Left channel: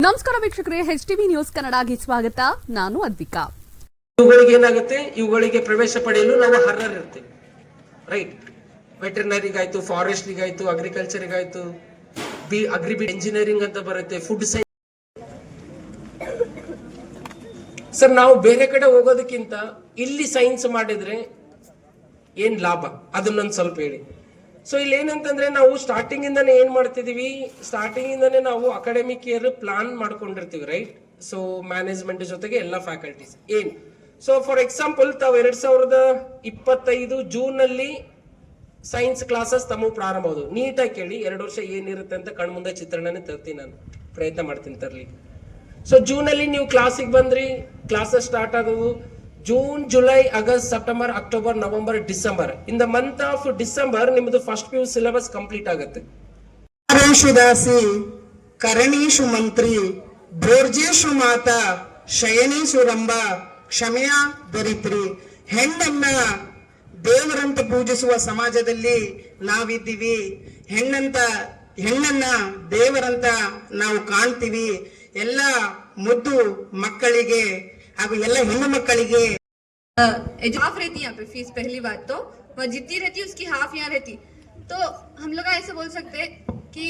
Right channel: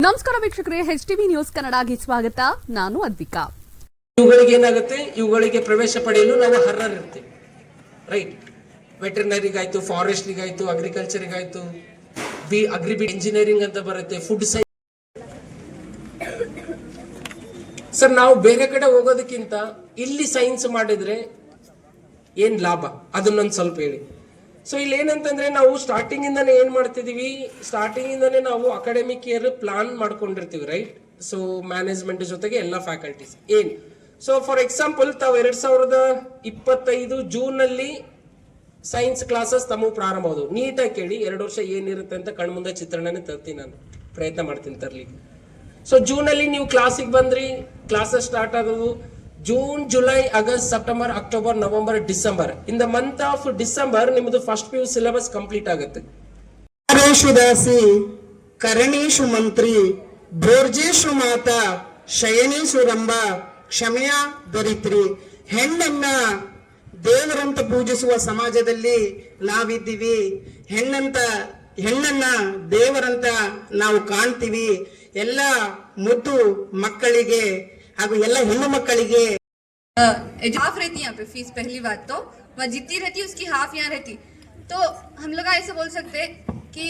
ನಮಸ್ಕಾರ ವೀಕ್ಷಕರೇ, HTV news ಕನ್ನಡಗೆ ಸ್ವಾಗತ. ನಾನು ಅದ್ವಿಕಾ. ಇವುಗಳಿಗೆ ಏನಾಗುತ್ತೆ, ಇವುಗಳಿಗೆ ಪ್ರವೇಶ ಪಡೆಯಲು ನಾವು ಅರ್ಹರಿರ್ತೀವಿ, ರೈಟ್? ವೆಟರ್ನರಿಗಾಯ್ತು, ಫಾರೆಸ್ಟ್ರಿಗಾಯ್ತು, ಅಗ್ರಿಕಲ್ಚರಿಗಾಯ್ತು, ಅಗ್ರಿ ಇಂಜಿನಿಯರಿಂಗ್ ಅಂತ ಬರುತ್ತೆ, ಫುಡ್ ಸೈನ್ಸ್. ಸರ್, ನಾವು ಬೇರೆ ಕಡೆ ಹೋಗೋದಕ್ಕಿಂತ ಇಲ್ಲಿ ಸೈನ್ಸ್ ಮಾಡಿದ್ರೆ ಏನ್ ಲಾಭ, ಅದನ್ನೊಂದು ಸ್ವಲ್ಪ ಹೇಳಿ. ಸೊ ಇಲ್ಲಿ ಏನಂತಂದ್ರೆ, ನಾವು ಸ್ಟಾರ್ಟಿಂಗ್ ಇಂದಾನೆ ಏನ್ ಮಾಡ್ತಿದೀವಿ, ಸ್ಟಾರ್ಟಿಂಗ್ ಇಂದಾನೆ ನಾವು ಅಕಾಡೆಮಿಕ್ ಇಯರ್ ಪ್ಲಾನ್ ಮಾಡ್ಕೊಂಡಿರ್ತೀವಿ, ರೈಟ್? ಸೊ ಮ್ಯಾನೇಜ್ಮೆಂಟ್ ಜೊತೆಗೆ ಎಲ್ಲ ಫ್ಯಾಕಲ್ಟೀಸ್ ಏನ್. ಸೊ ಫಾರ್ ಎಕ್ಸಾಂಪಲ್, ತಾವು 2025 ಜೂನ್ ನಲ್ಲಿ ಸೈನ್ಸ್ ಕ್ಲಾಸಸ್ ತಮ್ಮ ಪ್ರಾರಂಭ ಆದವು. ನೀಟಾಗಿ ಕೇಳಿ, 2 ವರ್ಷ ಏನಿರುತ್ತೆ ಅಂತ ಕಣ್ಮುಂದೆ ಚಿತ್ರಣನೇ ತರ್ತೀನಿ, ನಾನು ಪ್ರಯತ್ನ ಮಾಡ್ತೀನಿ ತರ್ಲಿ. ಸೊ ಜೂನ್ ಅಲ್ಲಿ ನೀವು ಕ್ಲಾಸಿಗೆ ಬಂದ್ರಿ, ಕ್ಲಾಸಸ್ ಸ್ಟಾರ್ಟ್ ಆದವು. June, July, August, September, October, November, December. In the month of December ನಿಮ್ದು ಫಸ್ಟ್ PU ಸಿಲೆಬಸ್ ಕಂಪ್ಲೀಟ್ ಆಗುತ್ತೆ. ದಾಸಿ ಕರಣೀಶು ಮಂತ್ರಿ ಭೋರ್ಜೇಶು ಮಾತಾ ಶಯನೀಸು ರಂಭ ಕ್ಷಮೆಯ ದರಿತ್ರಿ. ಹೆಣ್ಣನ್ನ ದೇವರಂತ ಪೂಜಿಸುವ ಸಮಾಜದಲ್ಲಿ ನಾವಿದ್ದೀವಿ. ಹೆಣ್ಣನ್ನ ದೇವರಂತ ನಾವು ಕಾಣ್ತೀವಿ. ಎಲ್ಲ ಮುದ್ದು ಮಕ್ಕಳಿಗೆ ಹಾಗೂ ಎಲ್ಲ ಹೆಣ್ಣು ಮಕ್ಕಳಿಗೆ हाफ रहती यहाँ पे फीस। पहली बात तो वह जितनी रहती उसकी हाफ यहाँ रहती, तो हम लोग ऐसे बोल सकते कि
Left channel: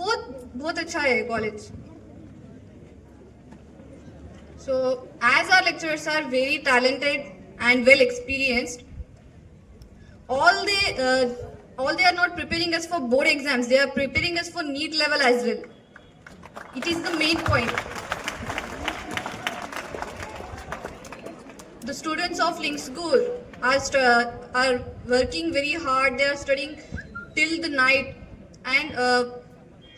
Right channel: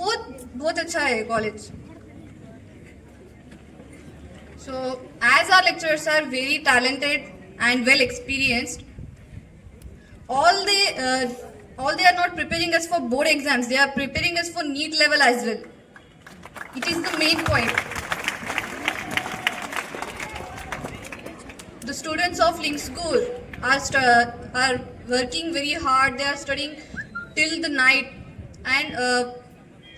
बहुत बहुत अच्छा है college. So as our lecturers are very talented and well experienced, all they are not preparing us for board exams, they are preparing us for NEET level as well. It is the main point. The students of Link School are working very hard. They are studying till the night, and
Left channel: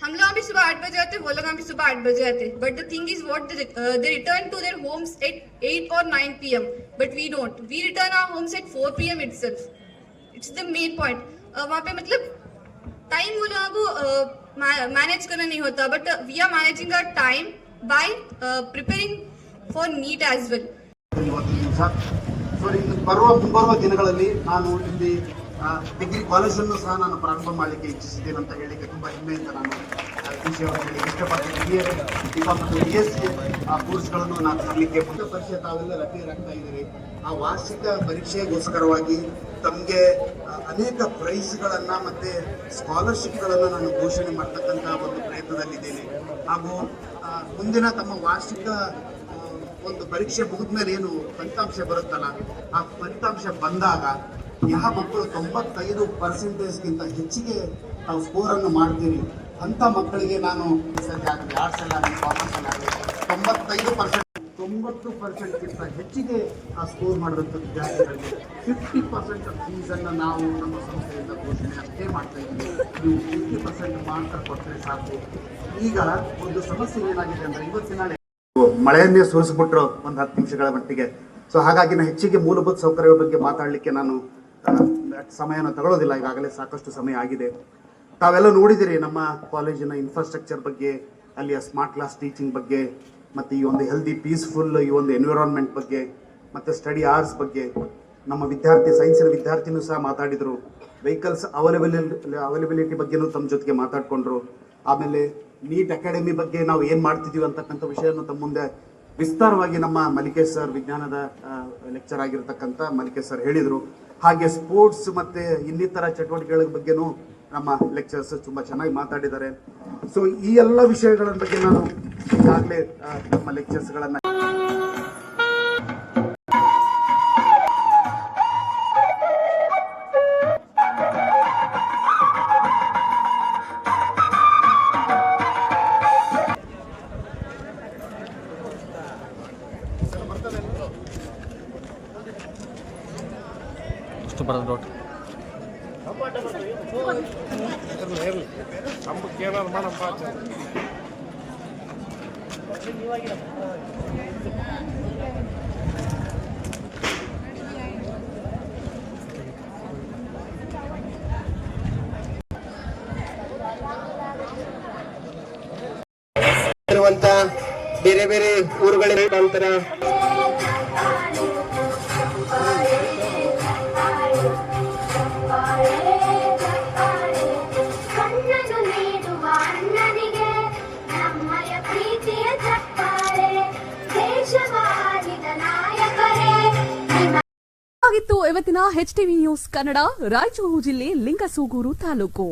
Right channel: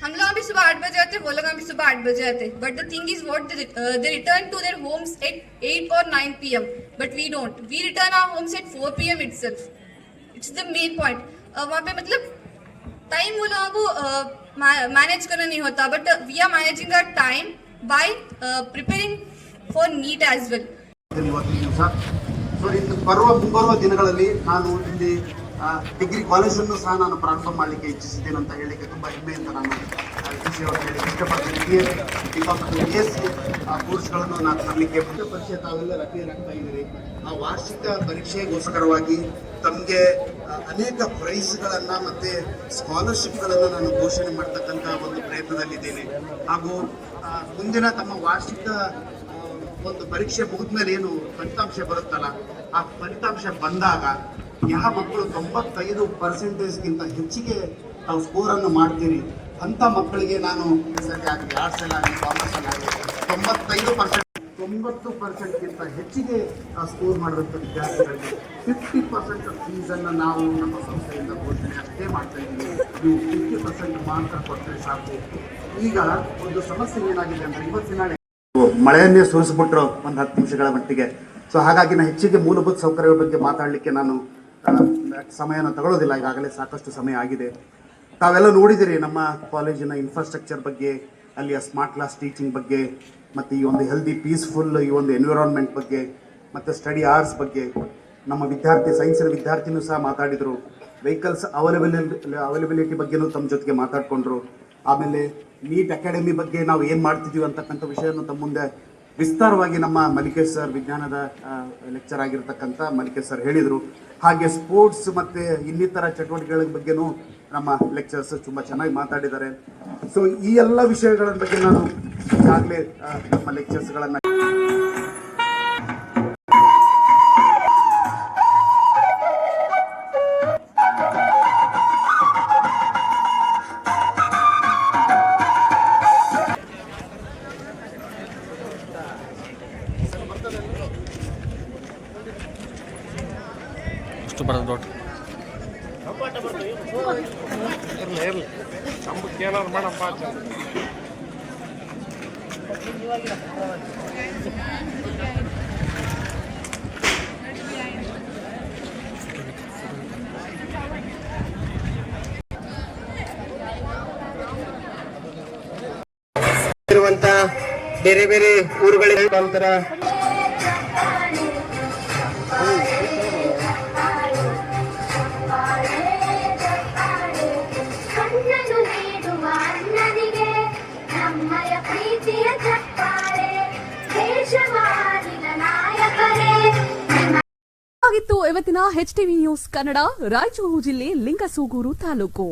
हम लोग भी सुबह 8 बजे आते, वो लोग भी सुबह 8 बजे आते. But the thing is, what they return to their homes at 8 or 9 PM. But we don't. We return our homes at 4 PM itself. It's the main point. वहाँ पे मतलब टाइम वो लोगों को मैनेज करना नहीं होता. But we are managing our time by preparing for NEET as well. ಮುಂಬರುವ ದಿನಗಳಲ್ಲಿ ನಾನು ಇಲ್ಲಿ ಡಿಗ್ರಿ ಕಾಲೇಜನ್ನು ಸಹ ನಾನು ಪ್ರಾರಂಭ ಮಾಡಲಿಕ್ಕೆ ಇಚ್ಛಿಸಿದ್ದೇನೆ ಅಂತ ಹೇಳಲಿಕ್ಕೆ ತುಂಬ ಹೆಮ್ಮೆಯಿಂದ ನಾನು ಇಷ್ಟಪಡ್ತೀನಿ. BSc ಕೋರ್ಸ್ಗಳನ್ನು ನಾನು ತರಲಿಕ್ಕೆ ಪರೀಕ್ಷೆ ತಾವೆಲ್ಲ ರಕ್ತ ಇದ್ದೀರಿ. ಆ ವಾರ್ಷಿಕ ಪರೀಕ್ಷೆಗೋಸ್ಕರವಾಗಿ ತಮಗೆ ಅನೇಕ ಪ್ರೈಸ್ಗಳನ್ನು ಮತ್ತು ಸ್ಕಾಲರ್ಶಿಪ್ಗಳನ್ನು ನಾನು ಘೋಷಣೆ ಮಾಡ್ತಕ್ಕಂಥ ಒಂದು ಪ್ರಯತ್ನದಲ್ಲಿದ್ದೇನೆ. ಹಾಗೂ ಮುಂದಿನ ತಮ್ಮ ವಾರ್ಷಿಕ ಒಂದು ಪರೀಕ್ಷೆ ಮುಗಿದ್ಮೇಲೆ ಏನು ಫಲಿತಾಂಶ ಬರುತ್ತಲ್ಲ, ಆ ಫಲಿತಾಂಶ ಬಂದಾಗ ಯಾವ ಮಕ್ಕಳು 95% ಹೆಚ್ಚಿಗೆ ನಾವು ಸ್ಕೋರನ್ನು ಮಾಡ್ತೀರಿ ಅಂಥ ಮಕ್ಕಳಿಗೆ ನಾನು ಸದ್ಯ ಆಗಲಿ ಆರ್ಟ್ಸಲ್ಲಾಗಲಿ ಕಾಮರ್ಸಲ್ಲಾಗಲಿ 90% ಹೆಚ್ಚಿಗೆ ಸ್ಕೋರ್ ಮಾಡುವಂಥ ವಿದ್ಯಾರ್ಥಿಗಳಿಗೆ 50% ಫೀಸನ್ನು ನಾವು ನಮ್ಮ ಸಂಸ್ಥೆಯಿಂದ ಘೋಷಣೆ ಅಷ್ಟೇ ಮಾಡ್ತಾ ಇದ್ದೀವಿ. ನೀವು 50% ಮಾರ್ಕ್ಸ್ ಕೊಟ್ಟರೆ ಸಾಕು. ಈಗ ಒಂದು ಸಮಸ್ಯೆ ಏನಾಗಿದೆ ಅಂದರೆ, ಇವತ್ತಿನ ಮಳೆಯನ್ನೇ ಸೋರಿಸ್ಬಿಟ್ರು ಒಂದು 10 ನಿಮಿಷಗಳ ಮಟ್ಟಿಗೆ. ಸೊ ಹಾಗಾಗಿ ನಾನು ಹೆಚ್ಚಿಗೆ ಮೂಲಭೂತ ಸೌಕರ್ಯಗಳ ಬಗ್ಗೆ ಮಾತಾಡಲಿಕ್ಕೆ ನಾನು ಸಮಯನ ತಗೊಳ್ಳೋದಿಲ್ಲ, ಈಗಾಗಲೇ ಸಾಕಷ್ಟು ಸಮಯ ಆಗಿದೆ. ತಾವೆಲ್ಲ ನೋಡಿದಿರಿ ನಮ್ಮ ಕಾಲೇಜಿನ ಇನ್ಫ್ರಾಸ್ಟ್ರಕ್ಚರ್ ಬಗ್ಗೆ, ಅಲ್ಲಿಯ ಸ್ಮಾರ್ಟ್ ಕ್ಲಾಸ್ ಟೀಚಿಂಗ್ ಬಗ್ಗೆ, ಮತ್ತು ಈ ಒಂದು ಹೆಲ್ದಿ ಪೀಸ್ಫುಲ್ ಈ ಒಂದು ಎನ್ವಿರಾನ್ಮೆಂಟ್ ಬಗ್ಗೆ, ಮತ್ತು ಸ್ಟಡಿ ಅವರ್ಸ್ ಬಗ್ಗೆ. ನಮ್ಮ ಸೈನ್ಸಿನ ವಿದ್ಯಾರ್ಥಿನೂ ಸಹ ಮಾತಾಡಿದರು. ವೆಹಿಕಲ್ಸ್ ಅವೈಲಬಿಲಿಟಿ ಬಗ್ಗೆನೂ ತಮ್ಮ ಜೊತೆಗೆ ಮಾತಾಡಿಕೊಂಡ್ರು. ಆಮೇಲೆ ನೀಟ್ ಅಕಾಡೆಮಿ ಬಗ್ಗೆ ನಾವು ಏನು ಮಾಡ್ತಿದ್ದೀವಿ ಅಂತಕ್ಕಂಥ ವಿಷಯವನ್ನು ತಮ್ಮ ಮುಂದೆ ವಿಸ್ತಾರವಾಗಿ ನಮ್ಮ ಮಲಿಕೇಶ್ ಸರ್, ವಿಜ್ಞಾನದ ಲೆಕ್ಚರ್ ಆಗಿರ್ತಕ್ಕಂಥ ಮಲಿಕೇಶ್ ಸರ್ ಹೇಳಿದರು. ಹಾಗೆ ಸ್ಪೋರ್ಟ್ಸ್ ಮತ್ತು ಇನ್ನಿತರ ಚಟುವಟಿಕೆಗಳ ಬಗ್ಗೆನೂ ನಮ್ಮ ಲೆಕ್ಚರ್ಸ್ ತುಂಬ ಚೆನ್ನಾಗಿ ಮಾತಾಡಿದ್ದಾರೆ. ಸೊ ಈ ಎಲ್ಲ ವಿಷಯಗಳ ಬಗ್ಗೆ ನಾನು ಈಗಾಗಲೇ ನಮ್ಮ ಲೆಕ್ಚರ್ಸ್ಗಳನ್ನು ಬರೋದು ಇರುವಂತ ಬೇರೆ ಬೇರೆ ಊರುಗಳ ನಂತರ ಇದಾಗಿತ್ತು ಇವತ್ತಿನ HTV ನ್ಯೂಸ್ ಕನ್ನಡ ರಾಯಚೂರು ಜಿಲ್ಲೆ ಲಿಂಗಸೂಗೂರು ತಾಲೂಕು.